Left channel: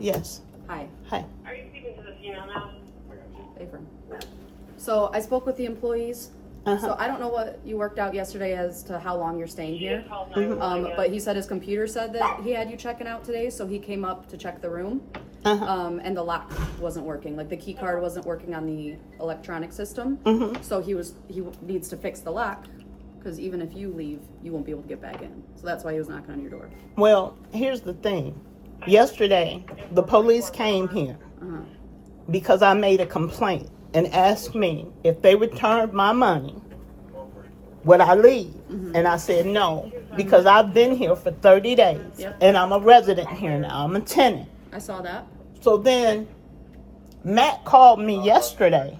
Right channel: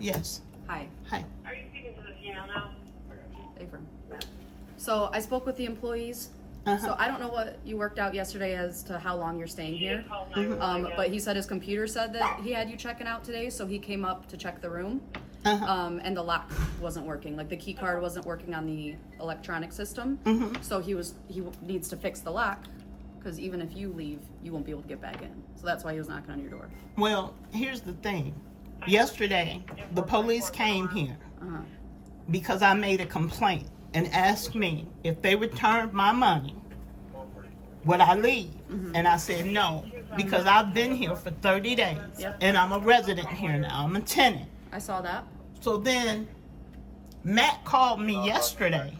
Yes. Hi. Hi. Are you speaking to the female now? Eviction. So I spoke with the employees. Uh-huh. So I don't know what you worked out yesterday as to how long you're staying here. Called 911, yeah. But he said his computer said that he had you checking out today, so he came up to check the room. And the lock wasn't working. Like the key card wasn't working on the electronic system. So he needs to fix the lock, because even if you leave, you won't be able to get back in. So that's why he was knocking on your door. Well, here's the thing. Yesterday, the police came here because I made a complaint and asked me if they returned my money, would I leave? And I said no, because I've been here for 30 days and I'm a resident here now. I'm a tenant. I saw that. So then Matt called me yesterday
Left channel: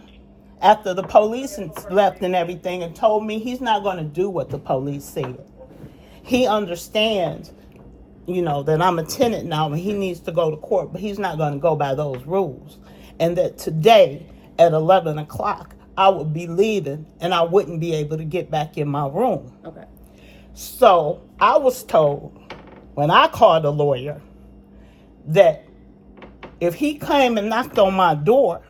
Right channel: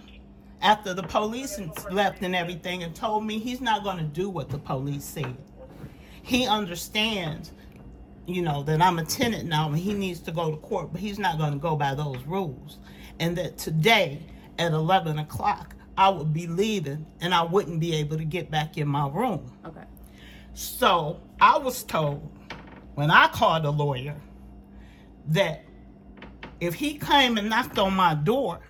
after the police left and everything and told me he's not going to do what the police said. He understands, you know, that I'm a tenant now and he needs to go to court, but he's not going to go by those rules. And that today at 11 o'clock, I would be leaving and I wouldn't be able to get back in my room. Okay. So I was told when I called a lawyer that if he came and knocked on my door,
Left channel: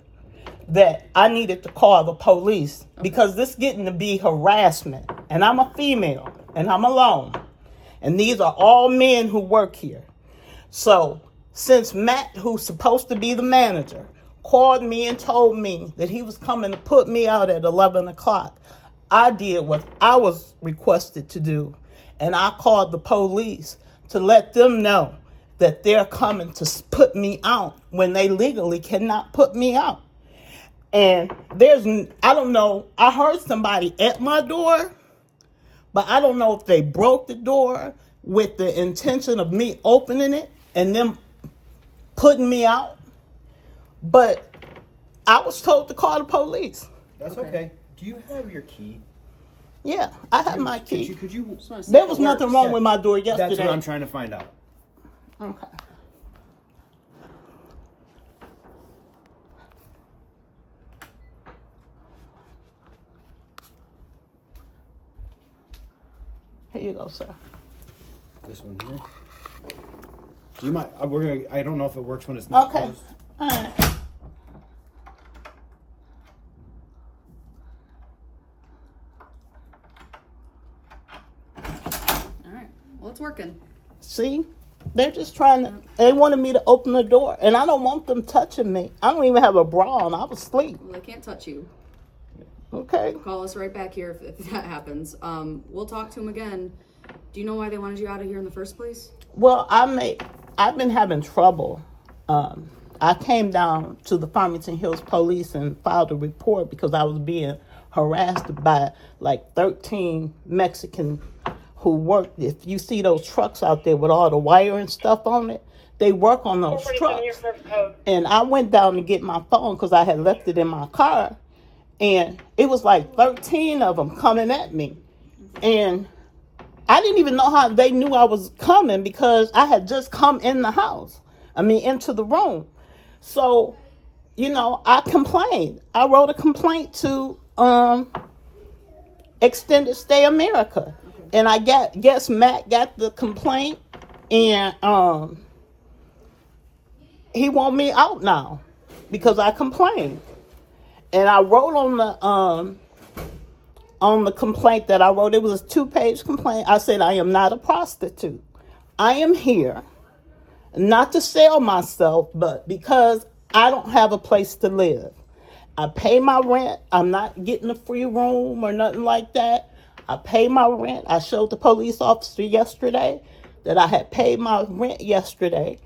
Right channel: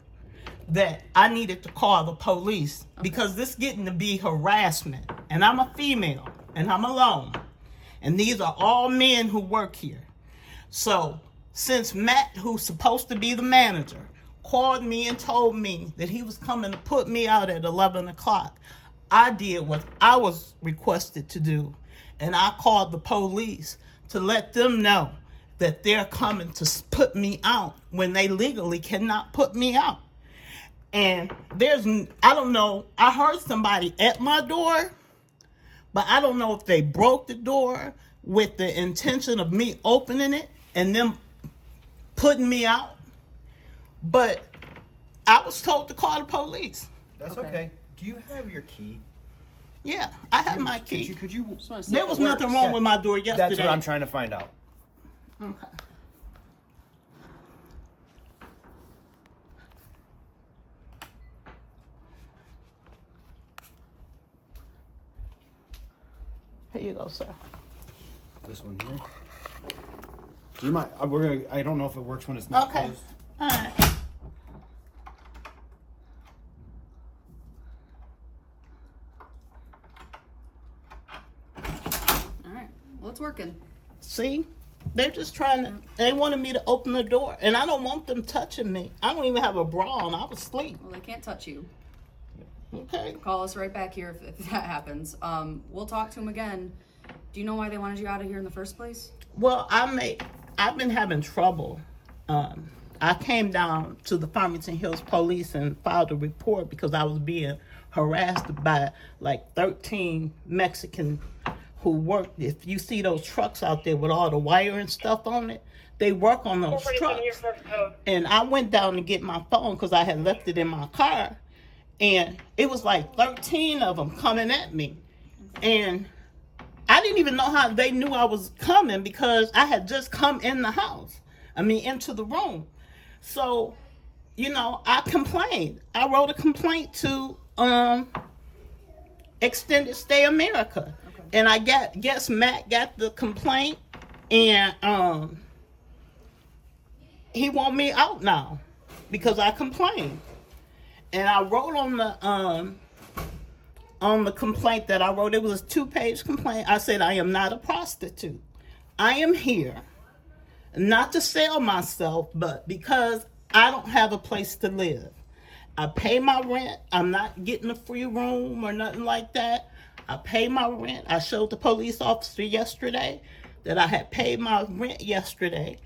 that I needed to call the police because this getting to be harassment. And I'm a female and I'm alone. And these are all men who work here. So since Matt, who's supposed to be the manager, called me and told me that he was coming to put me out at 11 o'clock, I did what I was requested to do. And I called the police to let them know that they're coming to put me out when they legally cannot put me out. And I don't know, I heard somebody at my door, but I don't know if they broke the door with the intention of me opening it and them putting me out. But I was told to call the police. That's okay. Do you have your key? Yeah, I have my key. Could you? There was nothing wrong with my door yesterday. That's what I'm trying to find out. Okay. Here you go, sir. This one here. Do you mind? I don't know if it works when it's not closed. All right. All right. Well, it's working. See? They're just trying to, they wanted me to open the door, and I don't want them touching me. I don't even have a bra on. I was asleep. Well, they can't touch you. Okay. Call us right back here if that happens. We'll talk to them again. Do you know why they wanted you out of here in the first place? Well, I've been having trouble. I came down to the Farmington Hills Police and filed a report because I was being harassed by like 13 Mexican who work. If you see those trucks out there with all the wire and stuff on it, they work on those trucks. And I went down to get my phone because I had left it in my car. And it was like 13 of them coming at me. And I didn't even know how they knew I was coming because I had just come in the house. Into the room. So, you know, I complained. I wrote a complaint to Extended Stay America. And I guess Matt got the complaint and he want me out now because I complained. And I wrote on the complaint that I wrote, it was a 2-page complaint. I said, I am not a prostitute. I am here not to sell myself, but because I don't have a place to live. I pay my rent. I'm not getting a free room or nothing like that. I pay my rent. I showed the police officer yesterday that I had paid my rent yesterday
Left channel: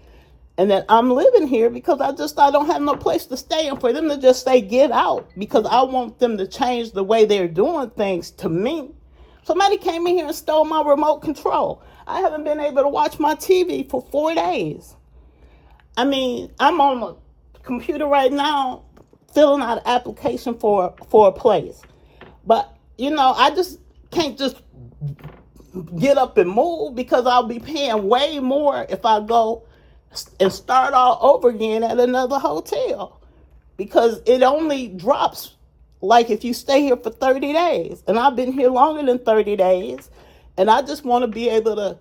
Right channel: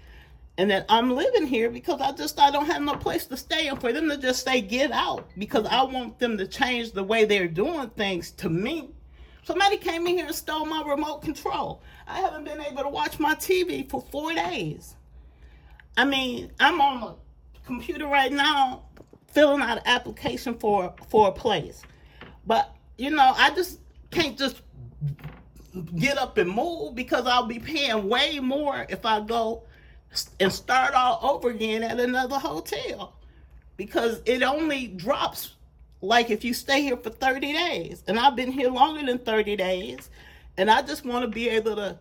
and that I'm living here because I don't have no place to stay, and for them to just say get out because I want them to change the way they're doing things to me. Somebody came in here and stole my remote control. I haven't been able to watch my TV for 4 days. I'm on the computer right now filling out an application for a place. But, you know, I just can't just get up and move because I'll be paying way more if I go and start all over again at another hotel. Because it only drops like if you stay here for 30 days. And I've been here longer than 30 days. And I just want to be able to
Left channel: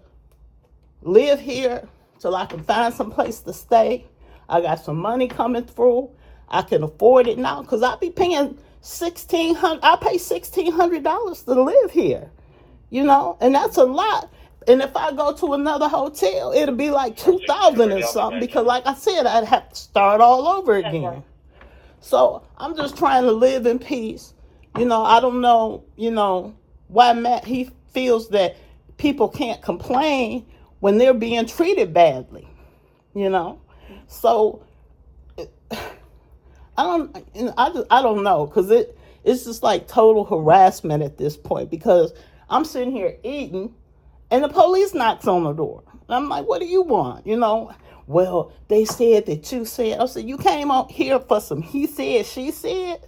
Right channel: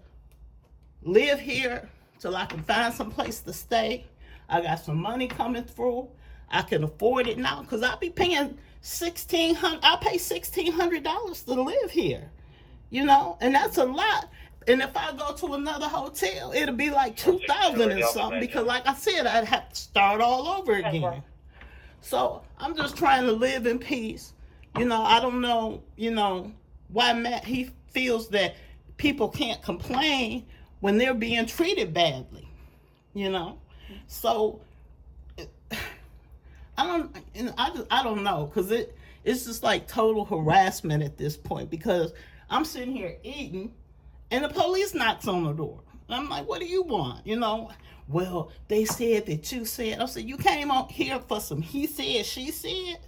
live here till I can find some place to stay. I got some money coming through. I can afford it now because I be paying $1,600. I pay $1,600 to live here, you know, and that's a lot. And if I go to another hotel, it'll be like 2,000 or something because, like I said, I'd have to start all over again. So I'm just trying to live in peace. You know, I don't know, you know, why Matt, he feels that people can't complain when they're being treated badly, you know. So I don't know, because it's just like total harassment at this point, because I'm sitting here eating and the police knocks on the door. I'm like, what do you want? You know, well, they said that you said. I said, you came out here for some he said, she said.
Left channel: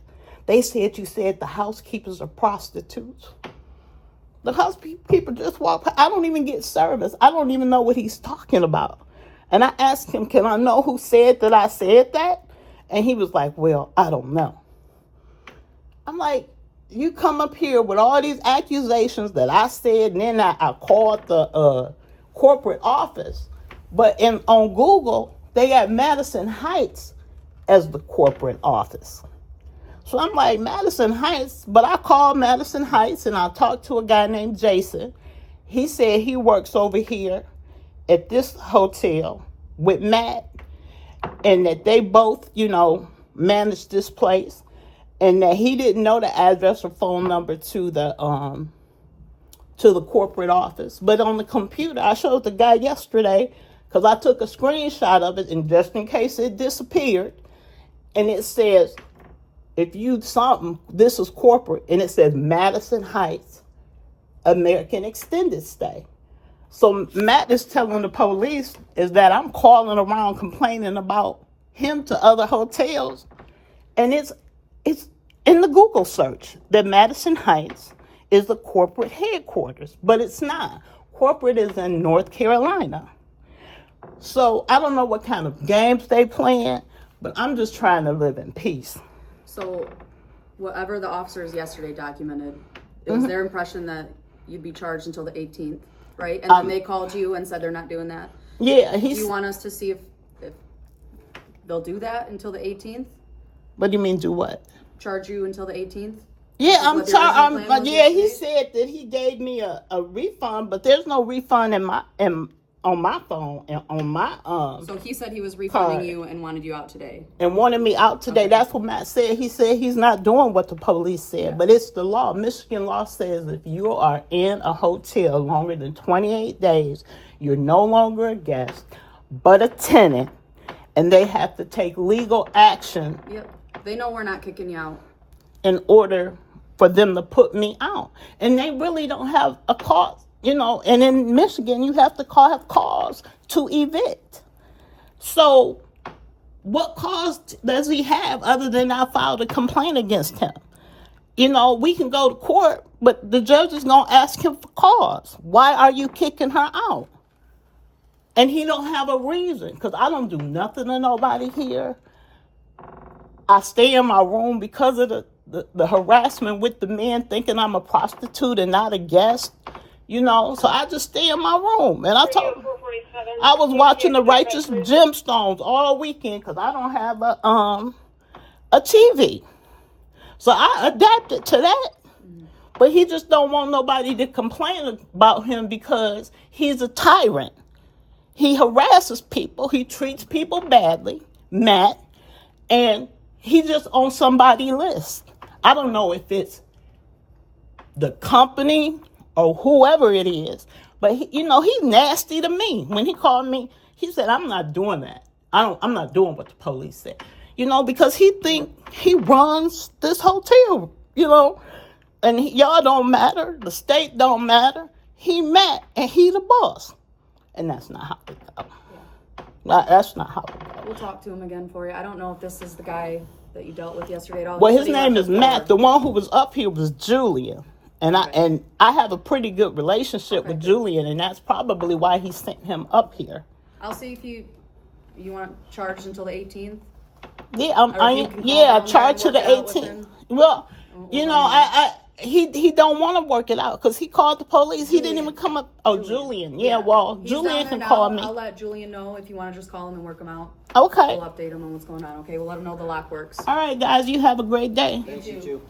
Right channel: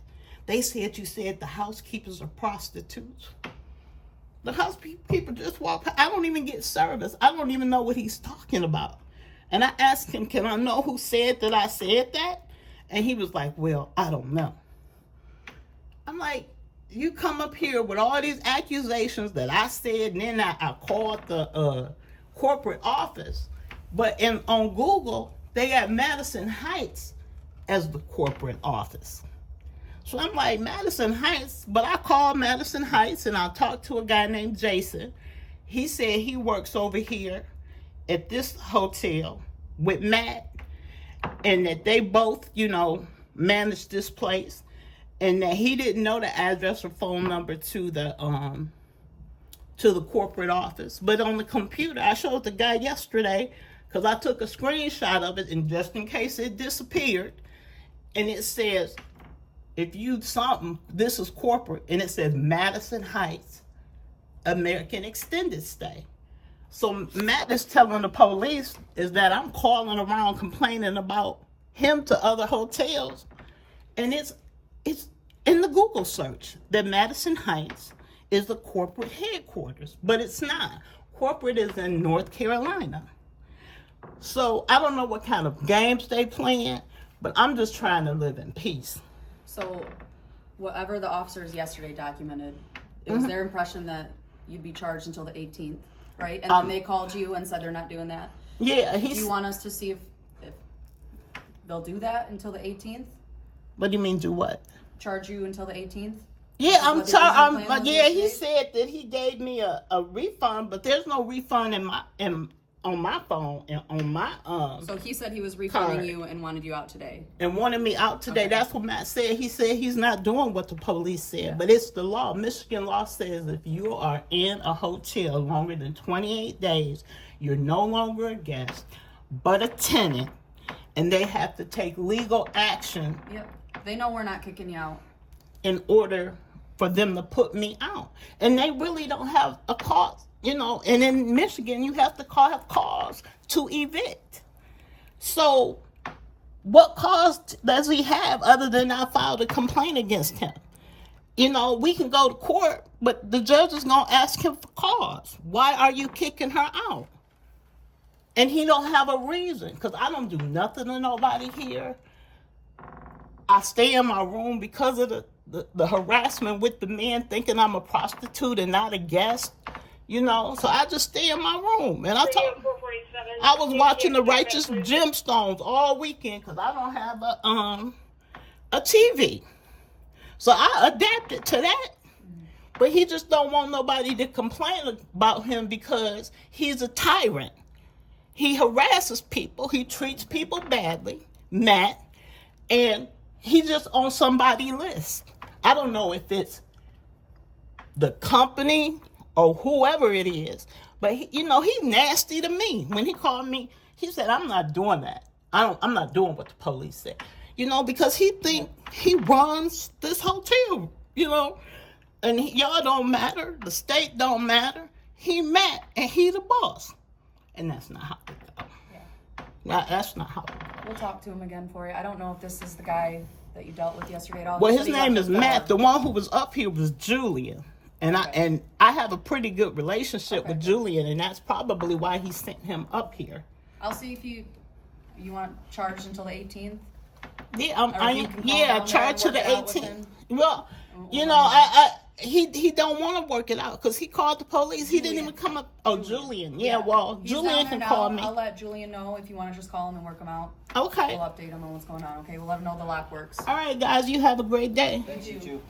They said you said the housekeepers are prostitutes. The housekeeper just walked past. I don't even get service. I don't even know what he's talking about. And I asked him, can I know who said that I said that? And he was like, well, I don't know. I'm like, you come up here with all these accusations that I said, and then I called the corporate office. But on Google, they got Madison Heights as the corporate office. So I'm like, Madison Heights, but I called Madison Heights and I talked to a guy named Jason. He said he works over here at this hotel with Matt, and that they both, you know, manage this place, and that he didn't know the address or phone number to the corporate office. But on the computer, I showed the guy yesterday, because I took a screenshot of it, and just in case it disappeared, and it says, if you something, this is corporate, and it says Madison Heights, American Extended Stay. So Matt is telling the police is that I'm calling around complaining about him to other hotels, and it's in the Google search that Madison Heights is the corporate headquarters, but it's not. Corporate is in North Carolina. So I don't know what kind of games they playing, but I'm just trying to live in peace. So, whatever the officers yesterday documented, it was their impression that you'd be charged until the 18th, right? And then they called you and said they're not doing that. Yeah, Do you want us to see if they'll do that until the 18th? What do you mean do what? Charge you until the 18th? Yeah, Yeah, he said that he gave me a refund, but there's no refund on my phone and on my So he said he was refunding card. You and wanted you out today. And wanted me out today. Okay. That's what Matt said. He said he's not doing what the police said, but it's the law. Michigan law says if you are in a hotel longer than 28 days, you're no longer a guest, but a tenant, and they have to take legal action. Yep. They know we're not kicking you out. In order for them to put me out. And they really don't have a cause, you know, and in Michigan, you have to have cause to evict. So what cause does he have other than I filed a complaint against him? You know, we can go to court, but the judge is going to ask him for cause. Why are you kicking her out? And he don't have a reason, because I don't do nothing to nobody here. I stay in my room because of the harassment with the men thinking I'm a prostitute and not a guest, you know. So I just stay in my room. And I was watching the Righteous Gemstones all weekend because I don't have a TV. So I adapted to that. But he just don't want nobody to complain about him because he's a tyrant. He harasses people. He treats people badly, Matt, and he's just on somebody's list. I don't know if it's the company or whoever it is, but you know, he's nasty to me. When he called me, he said, I'm not doing that. I'm not doing what the police said, you know, because he think he runs this hotel, you know, and y'all don't matter. The state don't matter. He Matt, and he the boss. And that's not how it goes. Yeah. That's not how it goes. We'll talk to him again for you. I don't know if this is the guy that you dealt with yesterday at all. Well, his name is Matt. The one who was up here was Julian. And Okay. I have a pretty good relationship with Julian, and that's probably why he sent him up here. I'll see if you want charged until the 18th. Yeah, Or if you can call down there charged to and the work it out with 18th. him. Well, you know, he don't want to work it out because he called the police. He didn't even come up. Oh, Julian. Yeah, well, He's Julian down there can now. call me. I'll let Julian know if you want to just call him and work him out. Okay. We'll update him on what's going on. Okay, we'll let him know the lock works. All right, guys. You have a great day. Thank you.